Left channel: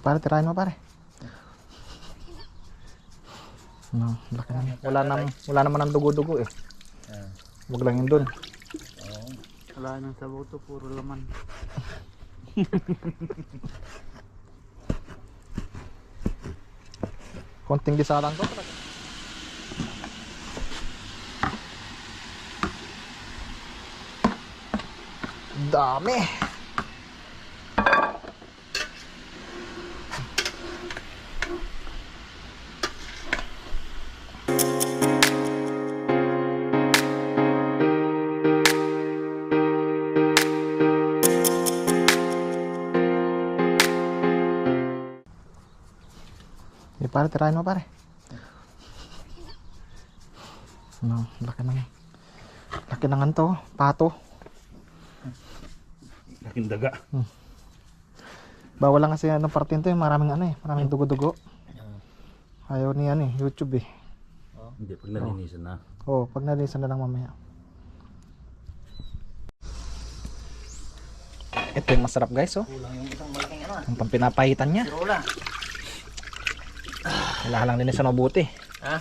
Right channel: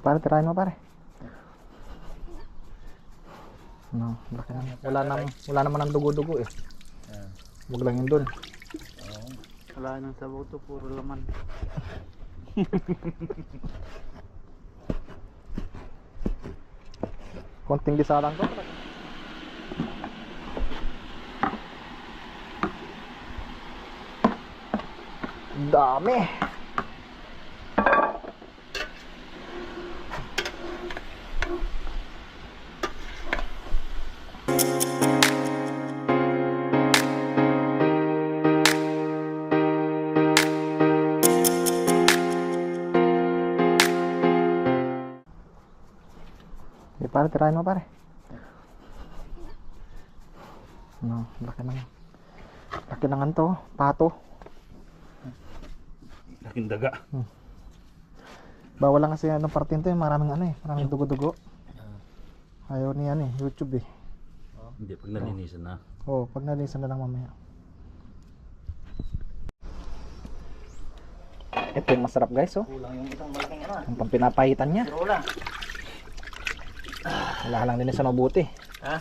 Pare, tirahin mo pare. No, laki naman. Wala naman ang dugo-dugo eh. Huwag lang yun dun. Wala nang sabaw to, puro laman. Konting lisaran to. Dami. Pare, tirahin mo pare. No, laki naman to, pato. Laking daga. Bawal lang kasi anong parte nito, maraming maraming dugo-dugo. Ayaw ni YouTube eh. Hindi, pag nalinisan na. Pag nalinisan na lang mamaya. Ito yung masarap guys, oh. Kulang yung isang malaking Ang pampinapahitan niya. Wala lang din sa mabuti. Ha?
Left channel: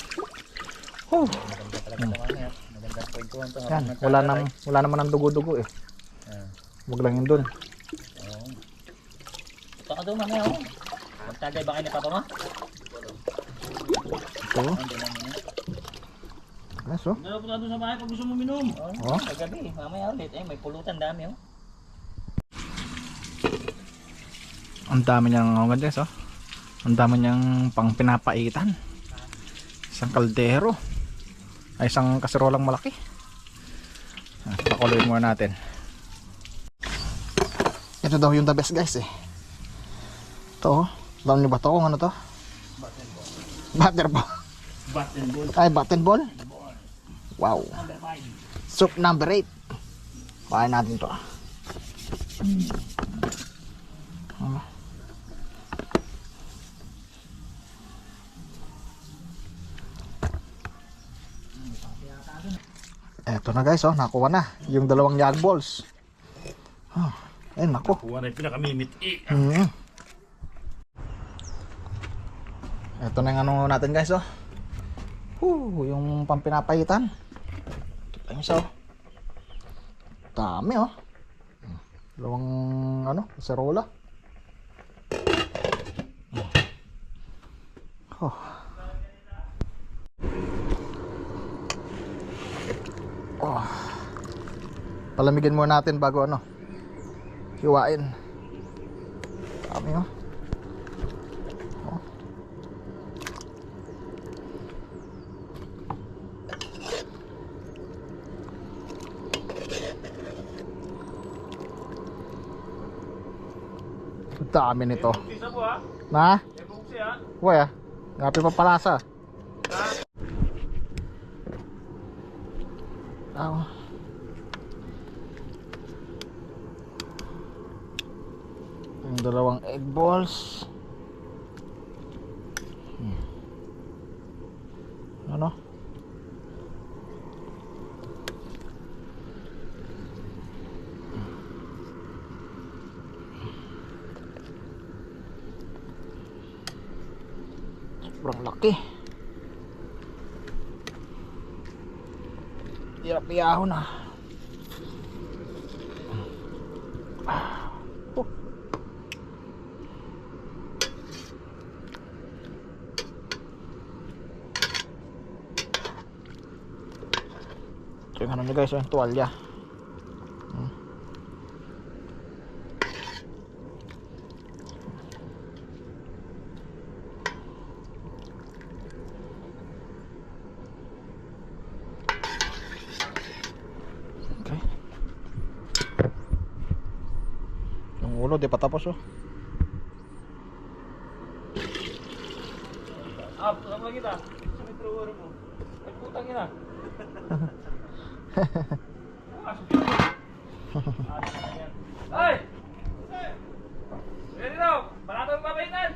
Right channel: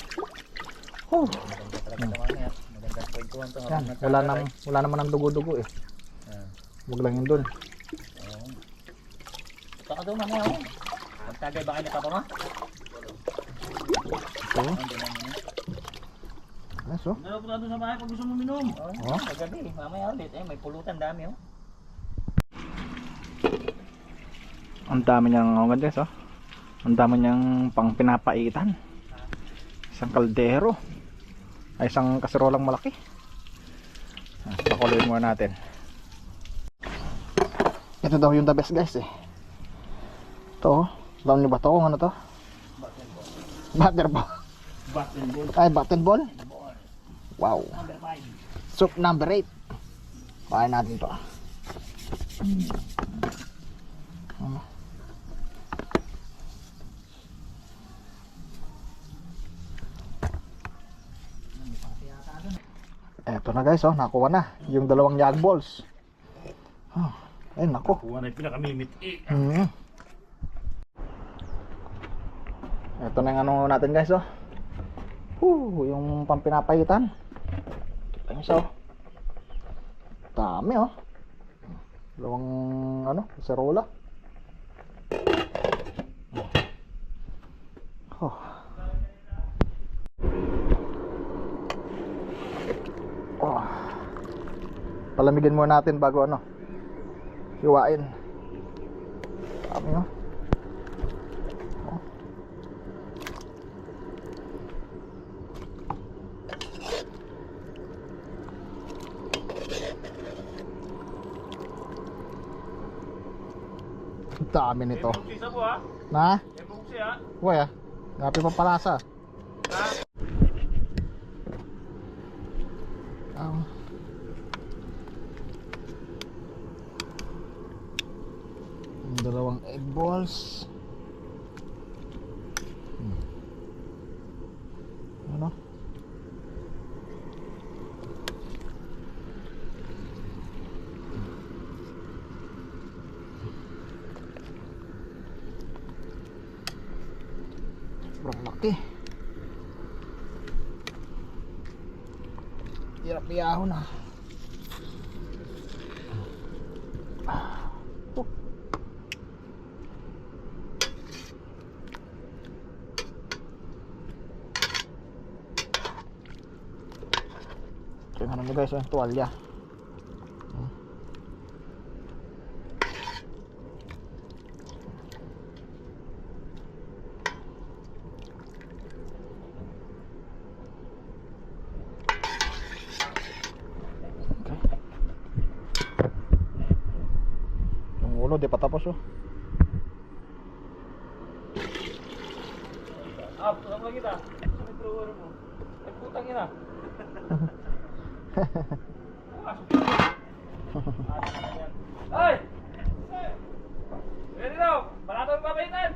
Maganda talaga naman yan. Magandang kwentuhan to. Yan, wala naman ang dugo-dugo eh. Huwag lang yun dun. Ito ka doon mamaya oh. Magtagay ba kayo na papa mo? Ito. Yes, oh. Punta doon sa bahay pag gusto mo minom. Oh. Kagabi, mamaya ulit. May pulutan dami oh. Ang dami niyang guys, oh. Ang dami niyang pang pinapaitan. Isang kaldero. Ay isang kaserolang malaki. Pakuloyin muna natin. Ito daw yung the best guys eh. Ito, alam niyo ba ito kung ano to? Butter ball. Ay, button ball. Wow. Soup number 8. Kain natin to. Eto na guys, oh, nakuha na yung dalawang yag balls. Ay nako. Kuha na yung pinakamimit. Eto na yung ano natin guys, oh. Yung pampinapahitan. Ito yung isa, oh. Dami, oh. Dalawang serola. Palamigin muna natin bago hiwain. Dami, oh. Dami nito. Na? Wala. Ngapi pa palasa. Yung dalawang egg balls. Ano? Sobrang laki. Hirap iyahon na. Ito yung ano nyo guys, yung tuwalya. Di pa tapos oh. Sama kita. Sa metro mo. Nagputang ina. Ay! Ready now! Barato yung papahitan!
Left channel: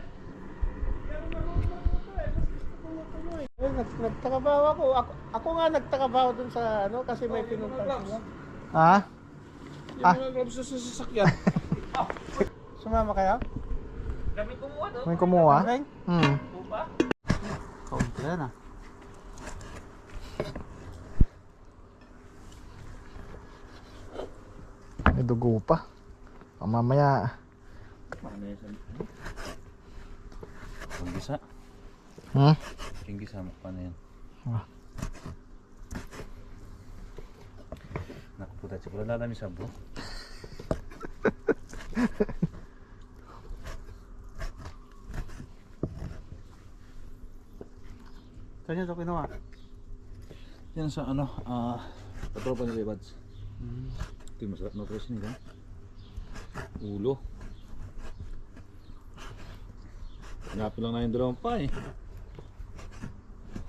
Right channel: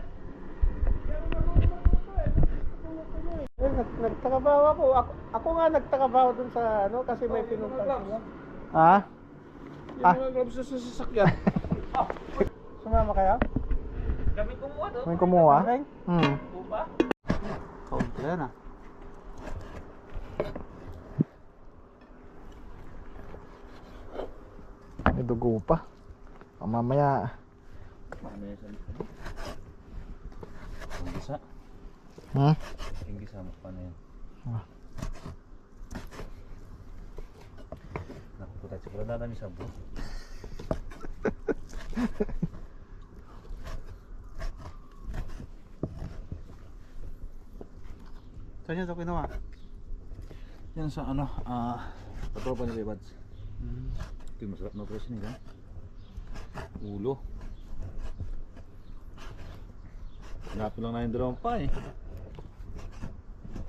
Nagtakabaho ako. Ako nga nagtakabaho dun sa kasi may pinuntan sila. Ha? Yung mga gloves sa sasakyan. Sumama kayo? Kami kumuha doon. May kumuha? Hmm. Upa. Kaunti yan ah. May dugo pa. Mamaya. Ano yan sa Ang gisa. Hmm? Ang gisa mo. Paano yan? Ah. Nakuputat siguro na namin sa buo. Saan niya ito kinuha? Yan sa ano, patropa ni Levads. Ito yung masarap na presyo nila. Ulo. Hanapin lang na yung dalawang pa eh.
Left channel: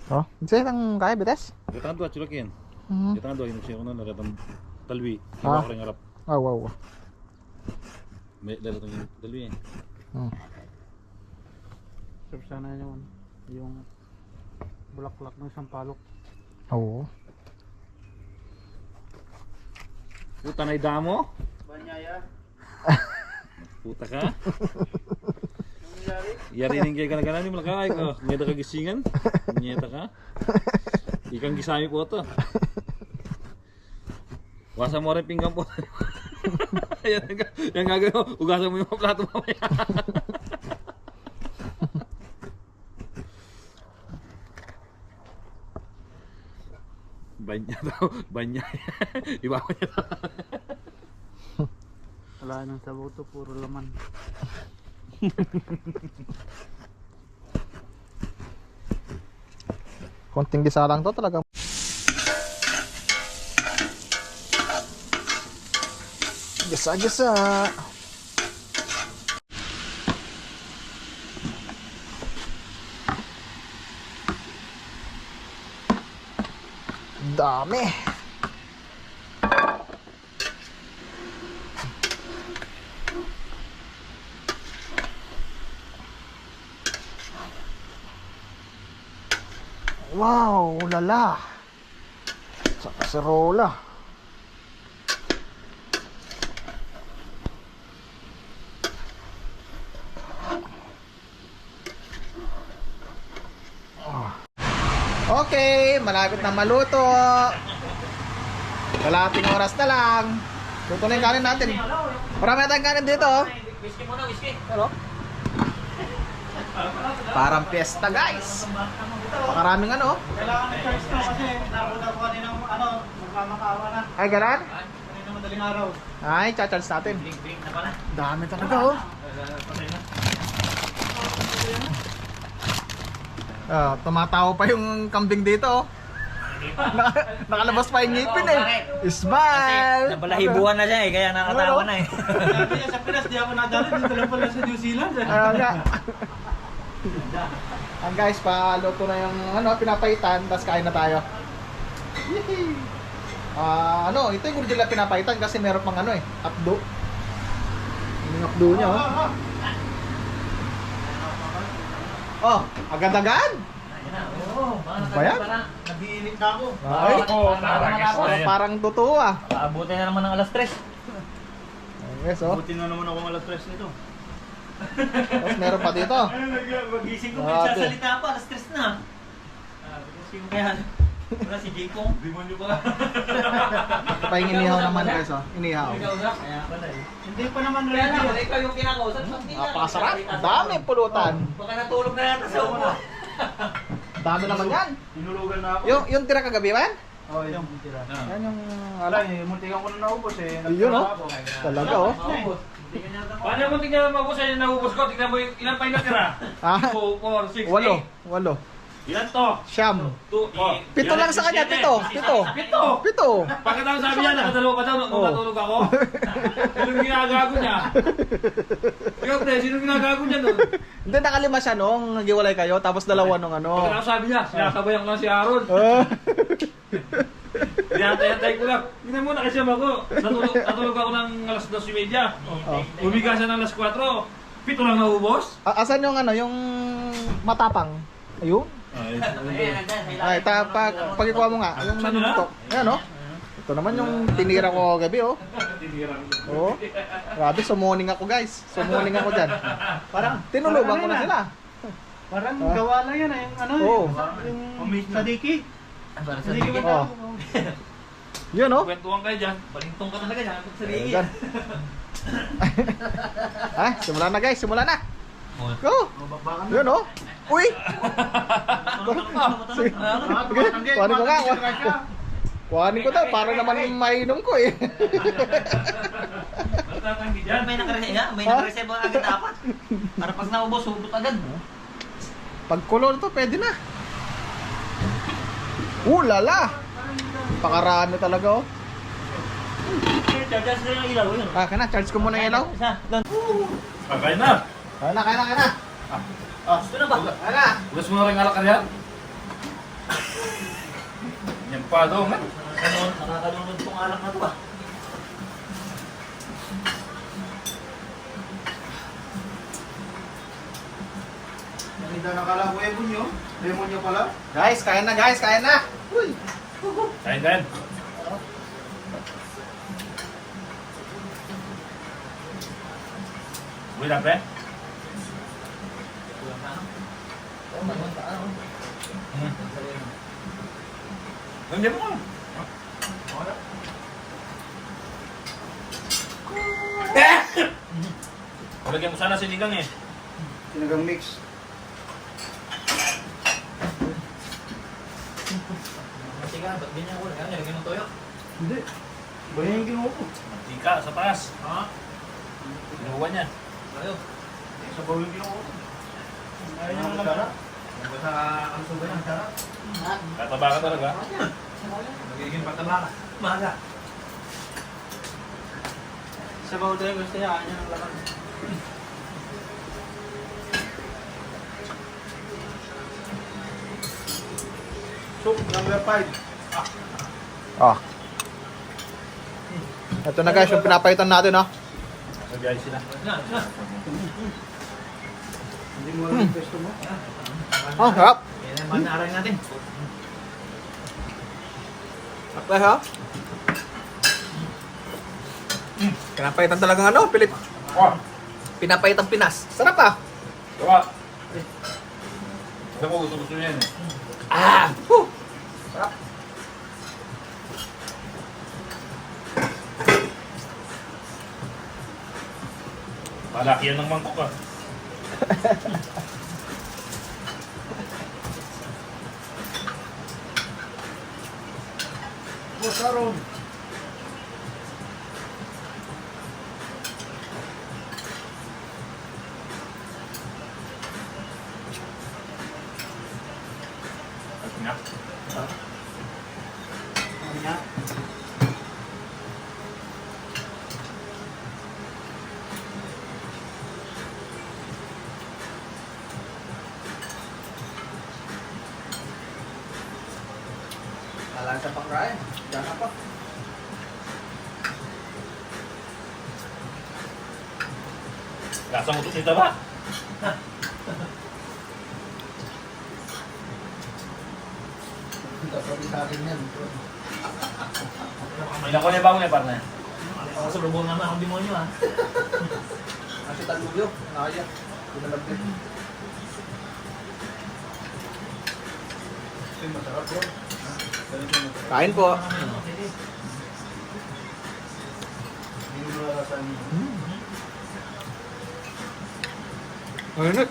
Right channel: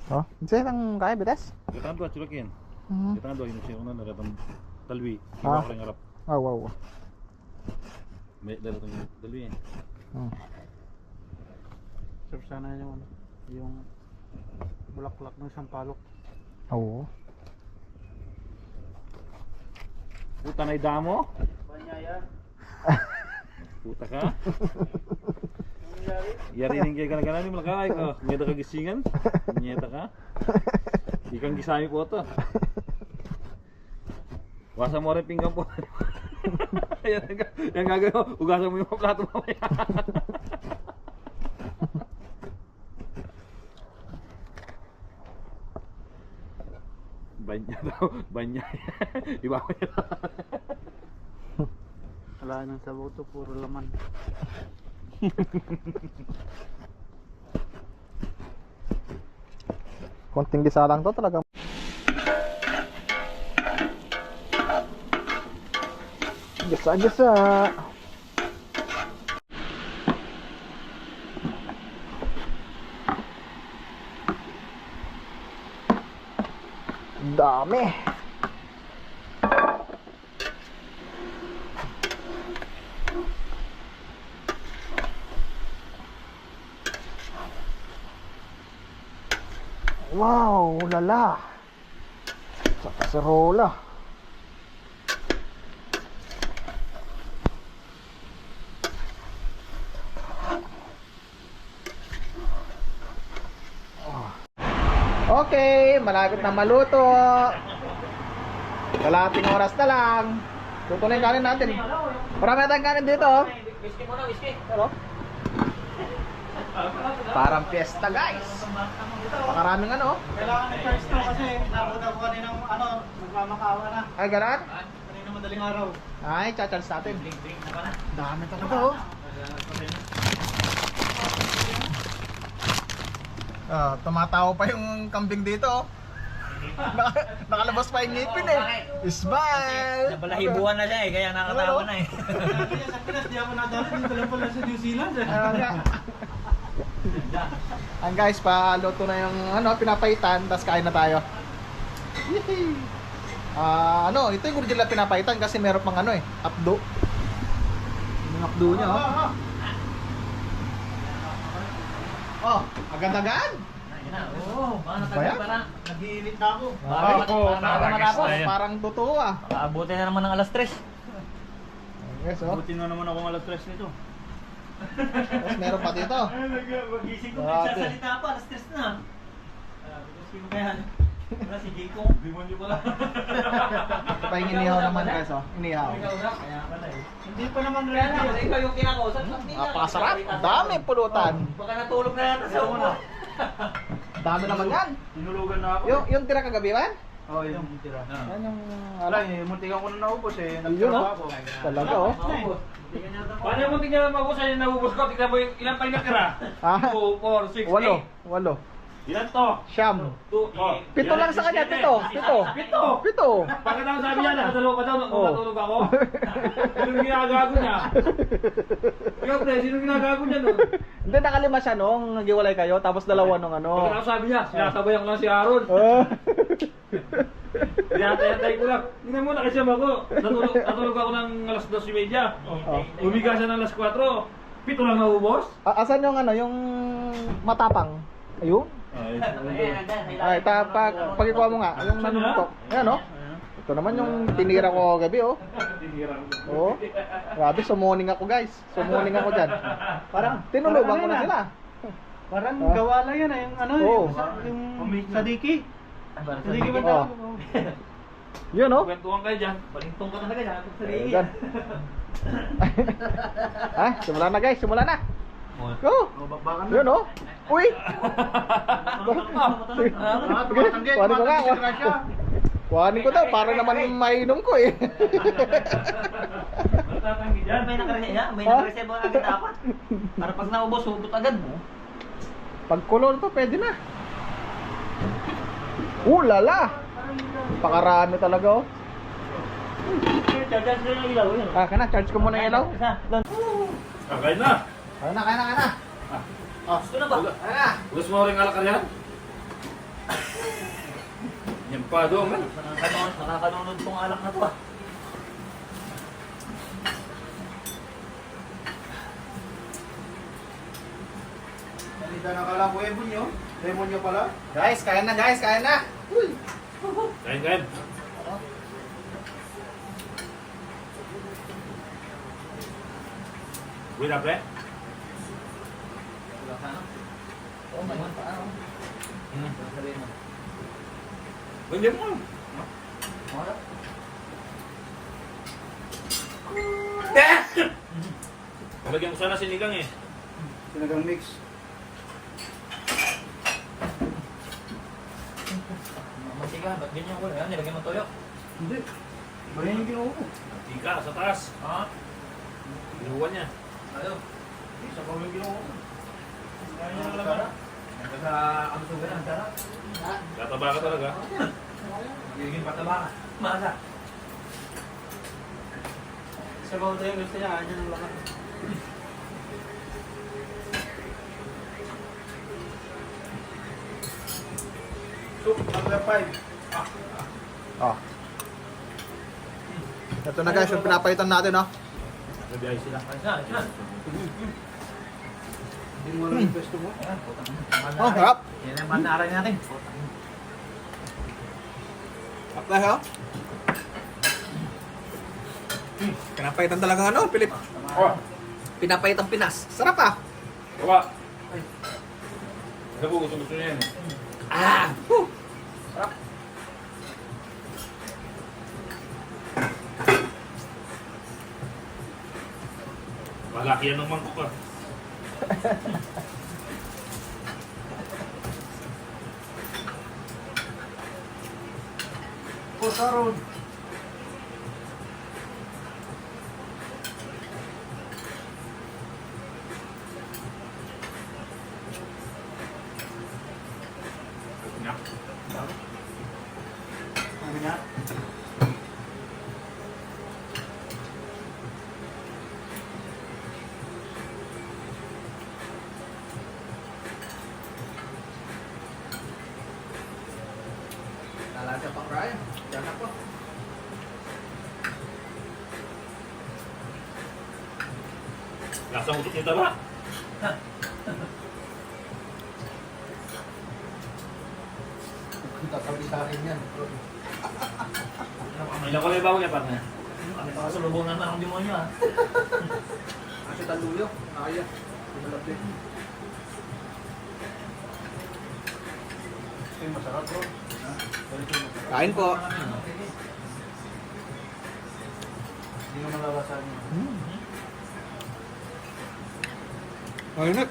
Oh, sa'yo lang kaya, bites? Datang doon, chulakin. Hmm. Datang doon, yung siya ko na naratang talwi. Ah. Iba ko rin harap. Oh, wow. May daratang yung talwi eh. Hmm. Sarap sana yung ano, yung bulaklak ng sampalok. Oo. Puta na damo. Banyaya. Puta ka. Yari rin kayo ganaganan ni malakay ko. Ngeta ka gisingan. Ngeta ka. Ikang gisami po to. Wasa mo rin pinggan po. Yan gagawin. Ugasan mo yung plato mamaya. Banya daw. Banya. Iba ko niya. Wala nang sabaw to, puro laman. Konting gisa lang to talaga. Gisa-gisa. Dami. Wow, lala. Sa kaserola. Okay, malapit na maluto. Kalahating oras na lang. Luto na yung kanin natin. Marami na tayong kanin dito. Whiskey muna, whiskey. Pero, parang fiesta guys. Maraming ano. Kailangan ng charge to kasi nakuha ko kaninang ano, magmamakaawa na. Ay, galan? Kaninang madaling araw. Ay, cha-charge natin. Drink na pala. Dami talaga oh. Ah, tumatawa pa yung kambing dito oh. Nakalabas pa yung ngipin eh. Smile! Nabalahibuan na siya eh, kaya nakatawa na eh. Sabi niya sa Pinas, di ako nadali. Dito lang pala sa New Zealand. Ang guys, paluto na yung ano, pinapaitan, tapos kain na tayo. Yehey! Ano, ito yung original na pinapaitan kasi meron pang ano eh, updo. Yung updo niya oh. Oh, agad-agad. Oo, Baya? parang nag-iinit na ako. Parang totoo ah. Aabutin na naman ng alas 3. Yes oh. Buti na naman ako alas 3 nito. Tapos meron pa dito. Magising ko, Grabe. nagsasalita pa, alas 3 na. Sino kaya? Wala si Jiko. Demonyo pa. Ito pa yung inihaw naman guys oh. Inihaw. Kaya pala eh. Hindi pa naman Kaya ready. naman, ikaw yung kinakausap. Napakasarap. Dami pulutan. Baka natulog na yata sa upo. Dami naman yan. Tinulugan na ako. Yung tira kagabi man? Oh, yung tira. Yan yung Wala eh, muntikan ko na naubos eh. Yun, oh. Ako. Talaga oh. Paano mo tingnan maubos ay naubos ko? Tingnan mo ilan pa yung natira? Ah, 2, 4, 6, walo. Ilan to? Siyam. 2, Pito lang sa kanya, pito. Pito. Pagkatapos sabi niya, nakadalawa pa daw nung Oh. natulog ako. Sinong ginagago niya? Ikaw pre, sinong ginagago niya nun? Hindi, nakalima siya nung naghiwalay kayo, tapos dalawa nung ano. Pagkatapos sabi niya, sinasabayan ko lang si Aaron. Ah. Tinatay ko lang. Tingnan mo, nakasama ko. Natulog ako ng alas 2:30. Oh. Umiga siya ng alas 4. Pito lang naubos. Asan yung ano, yung matapang? Ayun. Ay, pag ikuha mo nga, yung Saan yun? nanuntok. Ayan oh. Ito naman yung tinira ko gabi, oh. Oo. Grabe, summoning ako, guys. Summoning ako dyan. Parang tinulugan ko na sila. Parang Ah. gawa lang yan yung ano, Oo. yung sadiki. Para sa Sadiki ba Oo. tawag? Yun, oh. Kwentuhan kayo dyan. Balintong ka talaga dyan. Sa ligi. Ayan. Ah, simula na, guys. Simula na. Go. Bakbakan Yun, oh. Uy. Kuhanin ko nga. Kuhanin ko daw. Para naman mainom ko, eh. May nakareserve agad na apat. Para pag naubos, hubot agad mo. Pag kulon to, pwede na. Lala. Pakarami talaga, oh. Charge na yung ilaw yun. Ah, kana, charge ko muna yung ilaw. Isa, doon. Kakain na. Kaya na, kaya na, kaya na. Gusto na ba? Kaya na. Gusto mo rin alakar yan? Yan pa doon. Nakakalunod tong alak na to ah. Hindi na nakala ko ebon nyo. Lemon nyo pala. Guys, kaya na, guys, kaya na. Uy. Kain, kain. Uy na, pre. Hindi mo ka. Lagyan ko sana sinigang eh. Sinigang mix. Mantika, ba't ganyan ko? Nilagay mo toyo. Hindi. Ganyan yung ginawa ko. Mantika sa taas. Ha? Sinuwa niya. Ayaw. Sabaw yung ginawa ko. Ayaw nyo na lang. Sa kamsuga yan. Tataba ka talaga. Magiging pataba ka. Maga. Sa mga toyo, gusto niya. Ayaw nyo lang. Soup number 5. Oh. Ito na, guys, yung pinapaitan natin, oh. Sa biyahe sila. Isa. Hindi mo alam yung pesto mo. Oh, harap. Yan naman naarang natin. Harap na, ha? Pinapaitan talaga, ano, Pilip? Oh! Pinapaitan Pinas. Sarap, ah. Diba? Ako gusto niya yan eh. Ah! Sarap. Malaki yan ng mangkok ah. Oh, Saron. Sabi niya. Lalasa pa kaya. Diyan ako. Lasang utot nito ba? Tatabi sa akin yan. Ilan ko yung bago niya partner? Kasalubong naman akong demonyo ah. Kasi taluyo. Nakaya. Pinalapit. Masarap ko. Kain po. Hindi mo nalalasan yun. Ayun,